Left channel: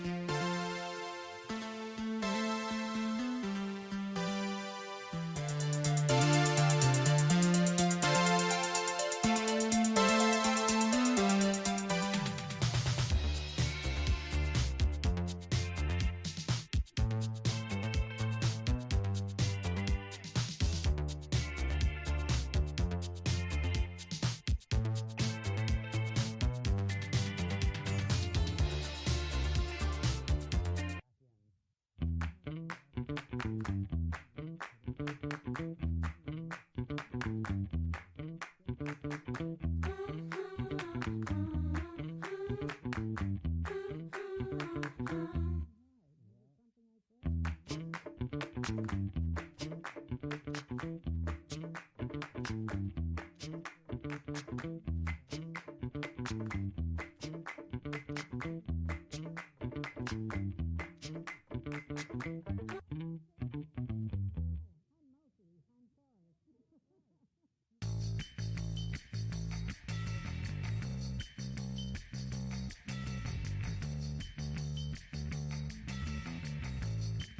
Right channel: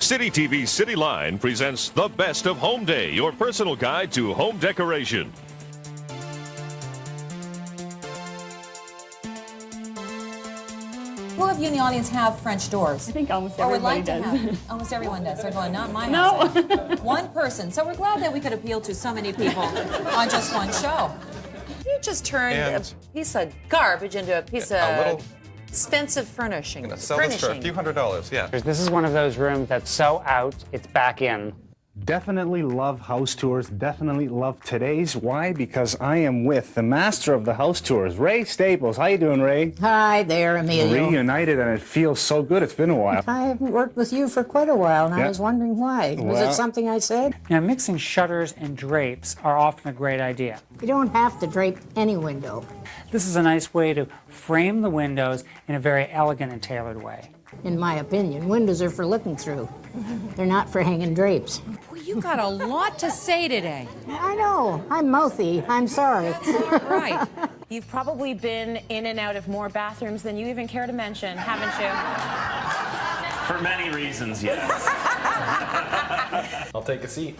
City TV's Cityline presents the best of Home Day, your personal guide to home decoration. Who of you in the audience have French doors? I think almost everybody Would like does. to have. Almost everyone does. They're going, not my No. house. One person. So we're glad that we could appeal to so many people on just one show. You just turned a piece of garbage into a piece of expensive furnishing. I'm gonna sell this for a few $100s, yeah. This is one of those rooms that's so out, it's back in. Definitely love house tours. Definitely love today's. Why? Because I am with the master of the house tours, Ray Staples. How you doing, Ray? Hi there, Emilio. Reunited, and it feels so good. It's been a while. I haven't worked with you for quite a while, and I was wondering why. Was Well- it something I said? Now, mixing shutters and drapes are often a great idea. You don't have to drape any window. This is a nice way to frame the windows in a very elegant and tailored way. In my opinion, windows are for looking through. They're not for hanging drapes. Well, you got a lot to say today. I know. I'm mouthy. I'm sorry. Right. You've probably been in and out of more bathrooms than you even care to mention, haven't you? For many reasons, yes. I'll take a seat.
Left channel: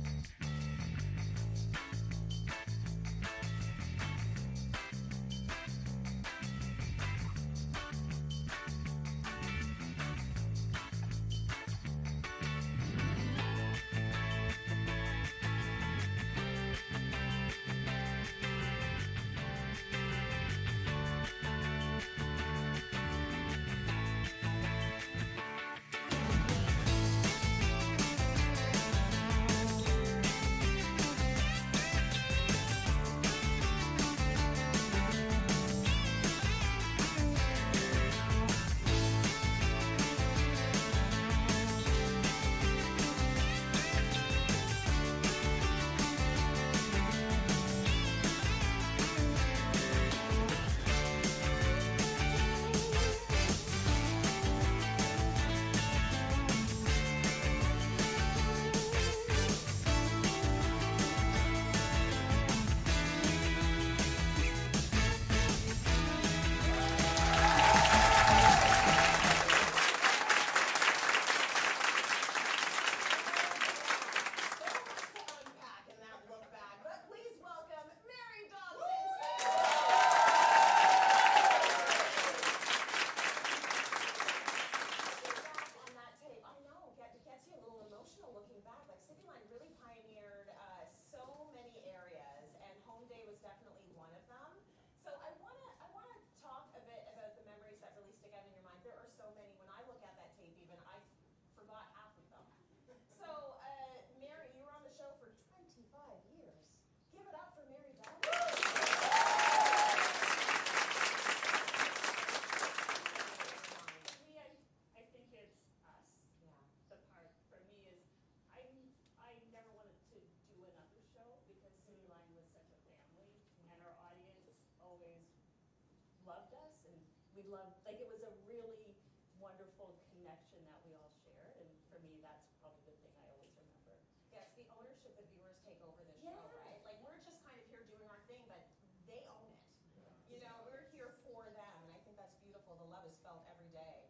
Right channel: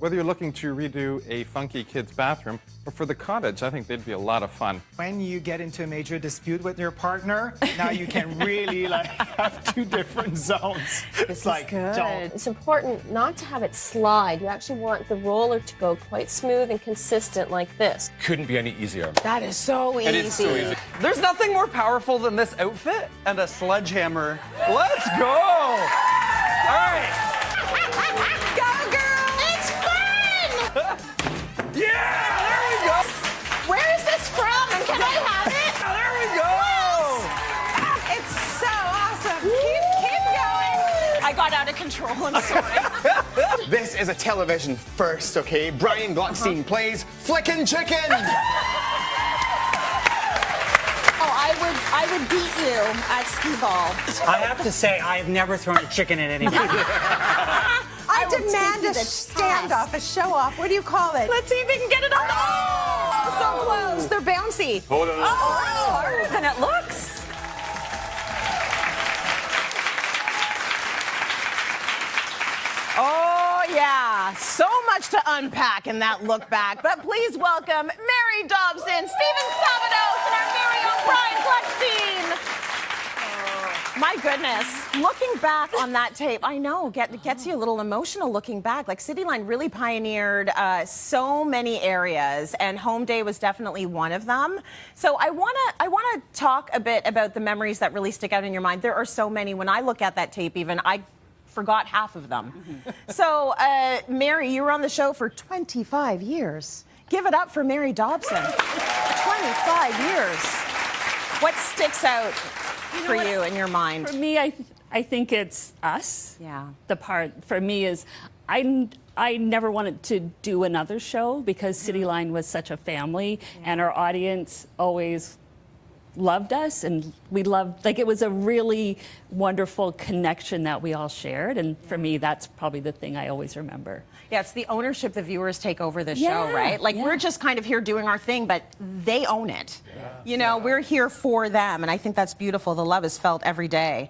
Whether you're looking to redo a funky kid's bathroom or for the cottage, I think they'd be a lot of fun. When you get into a major dispute with your partner, now you can really have two different zones. It's like, don't. It's important not to have it slide. You actually want the roller to go quite smooth and consistent like this. Couldn't be any easier. That is so easy. It is so easy. There's nothing more powerful than this outfit and a sledgehammer. Let's go! All right. Go, girl! It's fun! Yeah! There we go! Where is this from? And can I have it? There we go! It's so awesome. Keep going. I got out of control. I'm sorry. This is a television first, okay? Brian Gluckstein plays Flickin' Chicken! I would beat you at skee-ball. I have to say, I've never thrown a chicken at anyone. I demand a standoff, a show-off. What do you call it? Let's see if we can get it on. Oh, so close. They're bouncy. Hold on. Oh, it's harder than it looks. Oh, yeah. So much to unpack in that look back. But please welcome Mary Dobson, Stephen Sabados, and our very own Brian Gluckstein. My goodness. Looking back on that tape, I know, gets you a little emotional looking back. Like, Cityline really pioneered so many areas, and Home Day was definitely one of them. So I wanna talk a bit about the memories that really stick out in your mind. There are so many. When I look at that tape even, I forgot half of them. So, Mary, you were on the show for 25 years. Give it up for Mary Dobson. 25 years. What sticks out for you in your mind? For me, I think it's us. Yeah. The part for me is I never wanted to do another show because Cityline was such a family, and our audience always loved us, and we loved, like, it was a really wonderful connection that we all shared, and for me, that's probably the thing I always remember. Yeah, it's the ownership the viewers take over the show, right? Like, we're just kind of here doing our thing, but they own it. You know, we're here for them, and I think that's beautiful. The love is felt every day.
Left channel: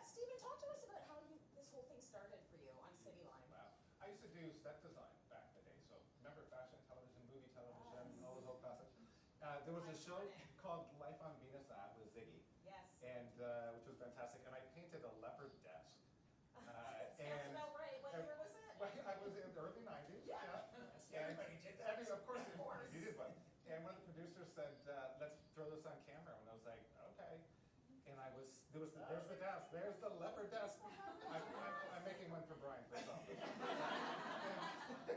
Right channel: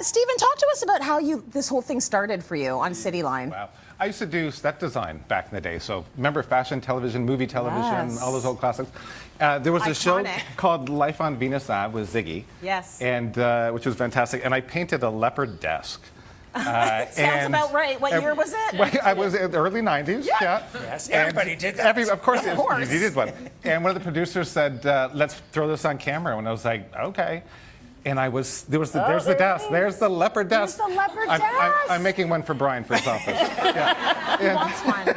Stephen, talk to us about how this whole thing started for you on Cityline. Wow. I used to do set design back in the day. So remember fashion television, movie television, all those old classics. There was a show called Life on Venus Ave with Ziggy. Yes. And which was fantastic. And I painted a leopard desk. Sounds about right. What year was it? I was in the early 90s. Yeah. Yes, everybody did that. Of course. You did one. And one of the producers said, let's throw this on camera. And I was like, okay. And there's the desk. There's the leopard desk. There's the leopard desk. I'm making one for Brian for his office. Yeah. Who wants one?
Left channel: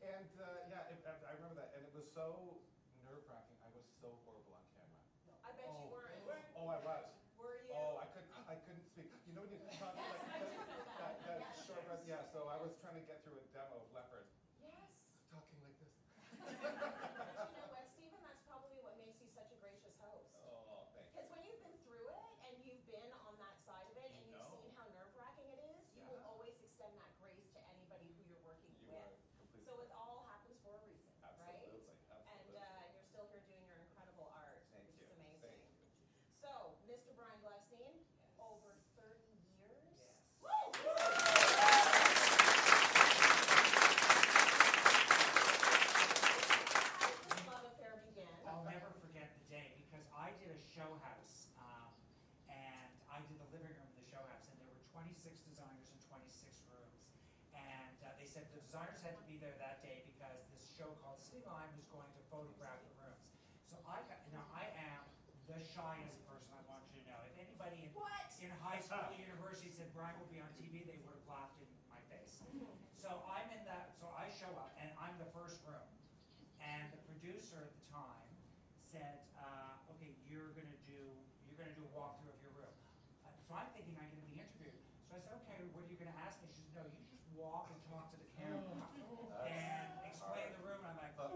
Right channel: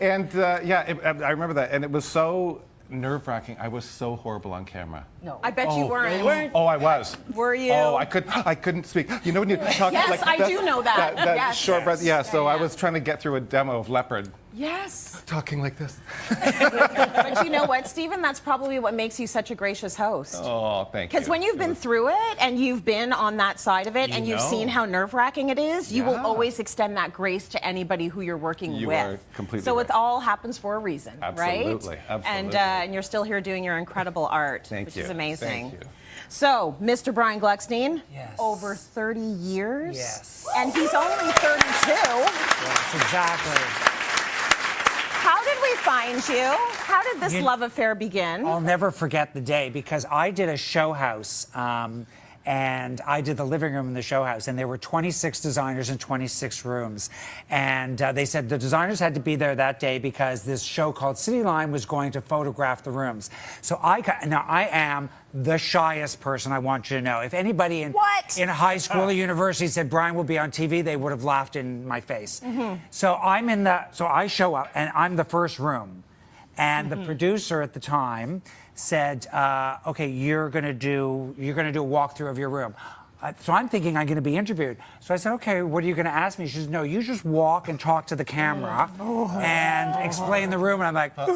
And I remember that. And it was so nerve-wracking. I was so horrible on camera. No. I bet you weren't. Oh, I was. Were you? Oh, I couldn't speak. You know when you talk yes, like I do know that. That yes. short breath. Yeah, so I was trying to get through a demo of Leopard. Yes. Talking like this. But you know what, Stephen? That's probably what makes you such a gracious host. Oh, thank you. Because when you've been through it and you've been on that side of it and you've seen how nerve-wracking it is, you will always extend that grace to anybody who you're working with. You are completely So right. it all happens for a reason, right? Absolutely. And you're still here doing your incredible art, which is amazing. Thank you. So, Mr. Brian Gluckstein, Yes. over 30 years. Yes. And he's only 32. Yes, exactly. How did we find you? How did this love affair begin? I'll never forget the day because I did a show house. And I did the living room in the show house, and there were 26 designers in 26 rooms. And they said the designers had to be there that day because this show called Cityline was going to photograph the rooms. So now I am the shyest person, I want you to know. If anybody in high school or university said Brian will be on TV, they would have laughed in my face. So I show up, and I'm the first room. And the producer at the time said, okay, you're gonna do a walkthrough of your room. So I'm thinking I'm gonna be interviewed. So I said, okay, what are you gonna ask me? She says, no, you just walk and talk to the camera and explain the room. And I'm like, and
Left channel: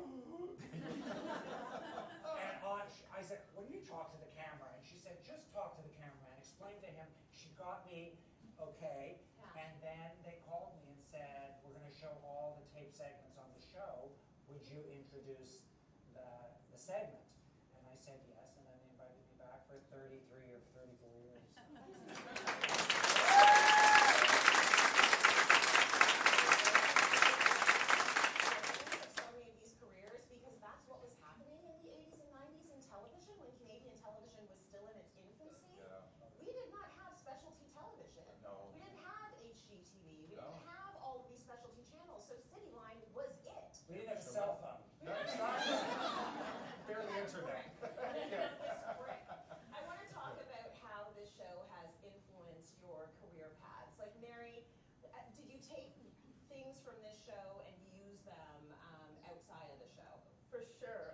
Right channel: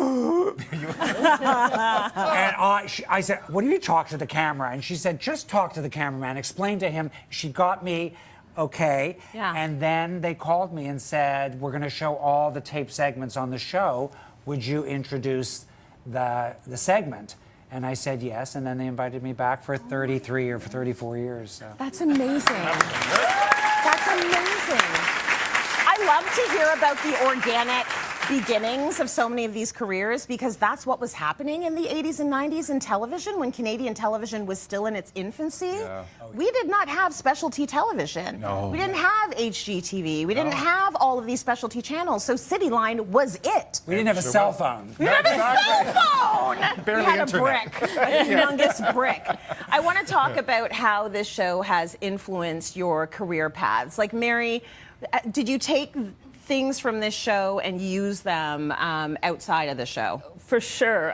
I said, what do you talk to the camera? And she said, just talk to the cameraman, explain to him. She got me, okay. Yeah. And then they called me and said, we're gonna show all the tape segments on the show. Would you introduce the segment? And I said yes, and then they invited me back for 33 or 34 years. So. That's amazing. That's amazing. I love to hear about the organic beginnings of so many of these careers because that's what was happening in the 80s and 90s in television when Canadian television was still in its infancy. Yeah. We did not have specialty television. No. We didn't have HGTV. We didn't have all of these specialty channels. So Cityline was it. We didn't have a cell phone. We didn't have a cell phone. Barely we had internet. a brick, a humongous brick. I want to talk about how this show has influenced your career paths. Like Mary, did you take things from this show and use them outside of the show? For sure.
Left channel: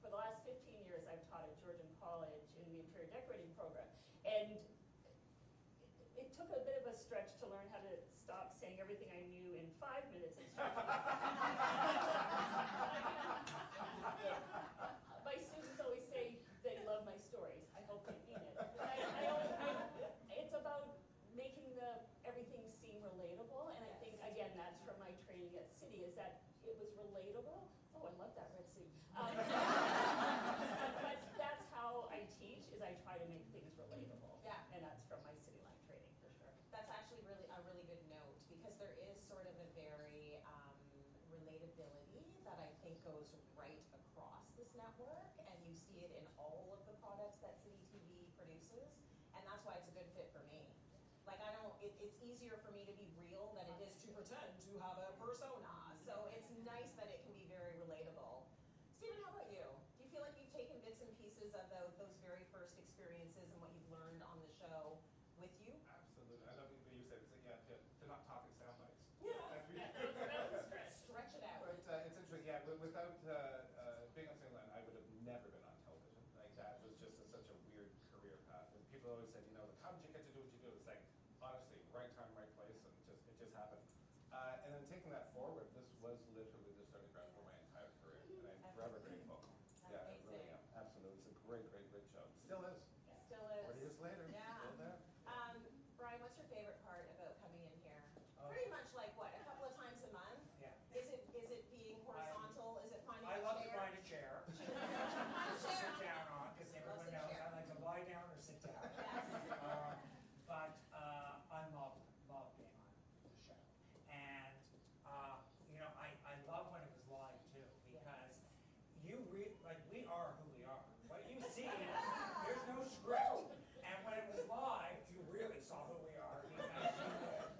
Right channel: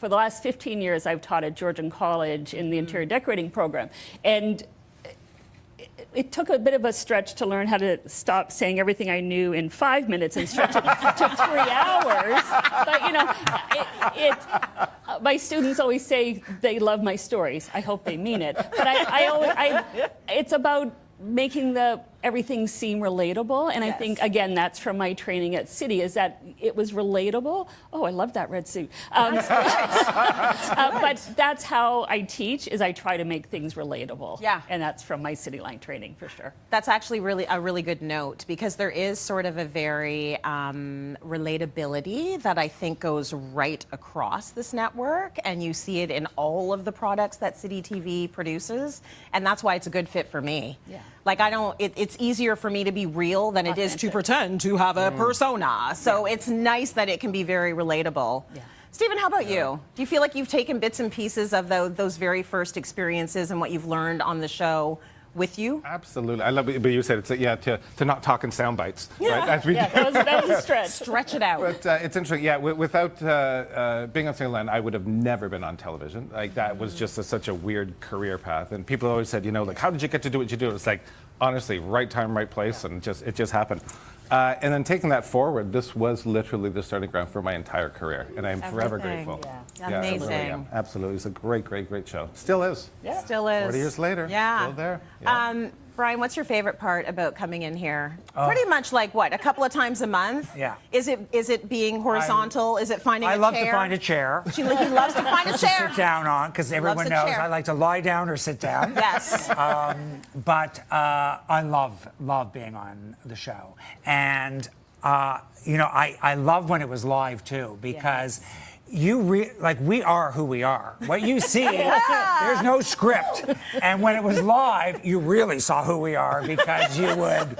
For the last 15 years, I've taught at Georgian College in the interior decorating program. And it took a bit of a stretch to learn how to stop saying everything I knew in 5 minutes and stretch it to 3 hours. But, you know, my students always say they love my stories. I hope they mean it. But it's about making everything seem relatable, and I think again that's from my training at City, is that it was relatable. Oh, I love that red suit. But that's how I teach, is I try to make things relatable. Yeah. And that's from my Cityline training for sure. That's actually a really good note, because there is sort of a very relatability that I think goes right across this network, and you see it in all of the products that City TV produces, and that's why it's a good fit for me. Yeah. Like it's easier for me to be real than it is to pretend to have a persona. So it's nice that it can be very relatable. Yeah. Stephen, how about you? Do you feel like you've taken bits and pieces of those very first experiences and what you've learned on the show with you? Absolutely. I love it, but you said it's to not talk in sound bites, right? As we do. That was a stretch. Stretch it out. But it's interesting. Yeah, without being on Cityline, I would have never been on television. Like that was just such a weird career path. And people always said, like, how did you get to do what you do? It's like, honestly, right time, right place, and it just happened. And then taking that forward, this was literally the starting ground for my entire career, and I'm forever grateful. Yeah. Amazing. I really am. Absolutely. It's a great, great, great show. Still is. Yeah. Still is. 40 years later. Yeah. Still there. Yeah. Brian, what's your favorite part about coming in here? Pretty much like what, a couple of times a month? Yeah. Is it being horizontal? Is it finding a chair? I love to find a chair. He loves to find a chair. To sit down on, because everyone knows I like to lie down or sit down. Yes. But I love being on the show. And, I love when it was live, too, because we are who we are. What you see, there's no script. And when it was live, you really saw who we are, because you would,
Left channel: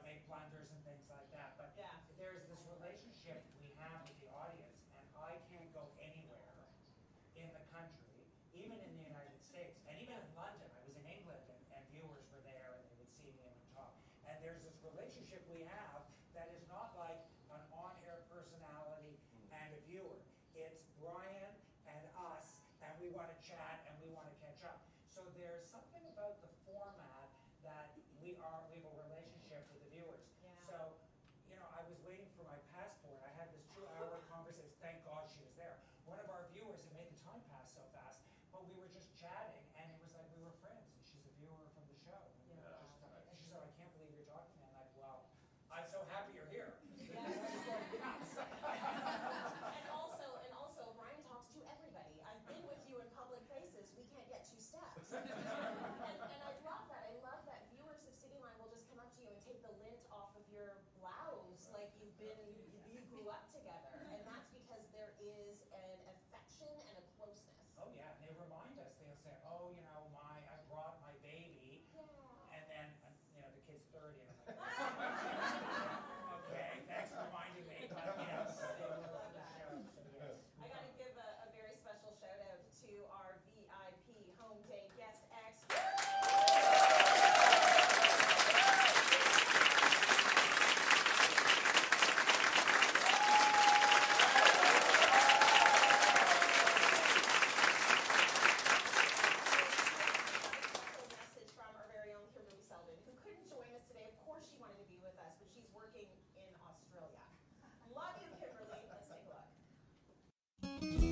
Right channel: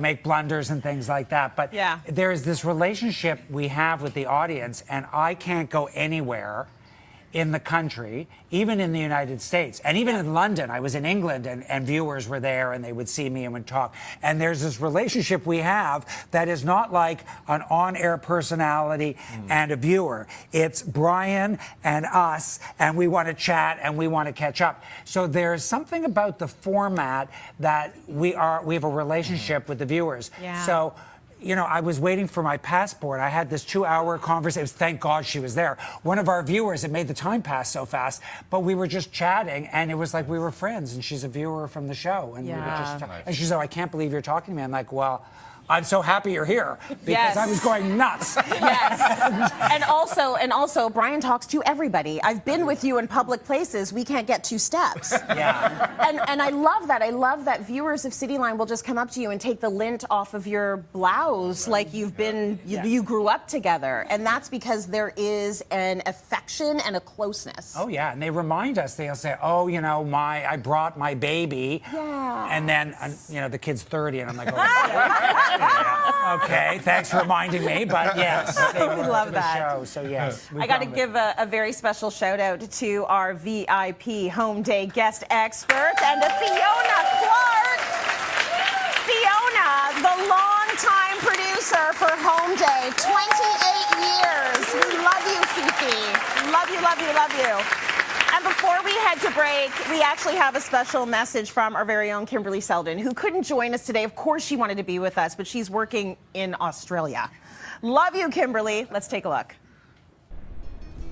make blunders and things like that. But there's this relationship we have with the audience, and I can't go anywhere in the country, even in the United States, and even in London. I was in England, and viewers were there, and they would see me and would talk. And there's this relationship we have that is not like an on-air personality and a viewer. It's Brian and us, and we want to chat and we want to catch up. So there's something about the format that we have a relationship with the viewers. Yeah. So, I was waiting for my passport. I had this 2-hour conversation. Thank God she was there. One of our viewers, it made the time pass so fast, but we were just chatting, and it was like we were friends, and she's a viewer from the show. And we were just and she said, I can't believe you're talking to me. I'm like, well, I'm so happy you're here because I was going nuts. Yes. and also, Brian talks to everybody. I've been with you in public places. We can't get 2 steps. Yeah. And I love that. I love that viewers of Cityline will just come up to you and take the lint off of your blouse like you've been, you grew up together. And that's because there is an affection and a closeness. Oh, yeah. And they remind us. They'll say, oh, you know, I brought my baby. Yeah. And then, you know, the kid's 30. And I'm like, oh, yeah. Okay, thanks for reminding me, but yes. We love that. Show, so yes. I got to give a very special shout out to our VIP home day guest expert and to Fiona Clark. Fiona, the longtime producer for Home Day, 28 years. We love you, Fifi. Love you, love you, love you. And before we head to break, we actually have a special message from our very own Kimberly Selden, who couldn't join us today. Of course she wanted to be with us, but she's working in Australia. Love you, Kimberly. Let's take a look.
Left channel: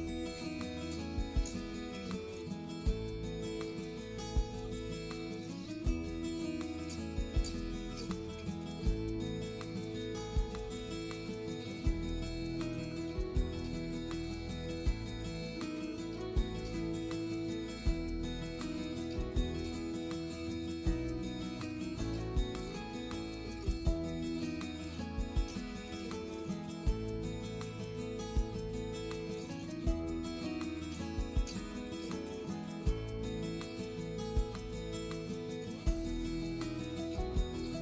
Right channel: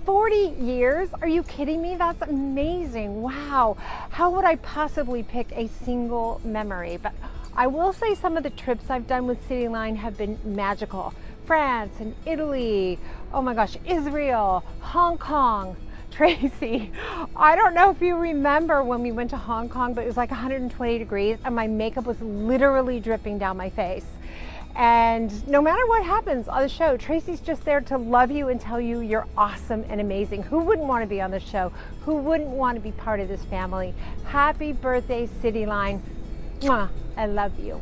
40 years? Are you kidding me? That's amazing. Wow. How would I possibly pick a single memory? But I will say some of the trips I've done with Cityline have been magical. France and Italy. Oh my gosh, Israel, Hong Kong. Tracy, I don't know if you remember when we went to Hong Kong, but it was like 120 degrees and my makeup was literally dripping down my face. And no matter what happens on the show, Tracy's just there to love you and tell you you're awesome and amazing. Who wouldn't want to be on the show? Who wouldn't want to be part of this family? Happy birthday, Cityline. Mwah, I love you.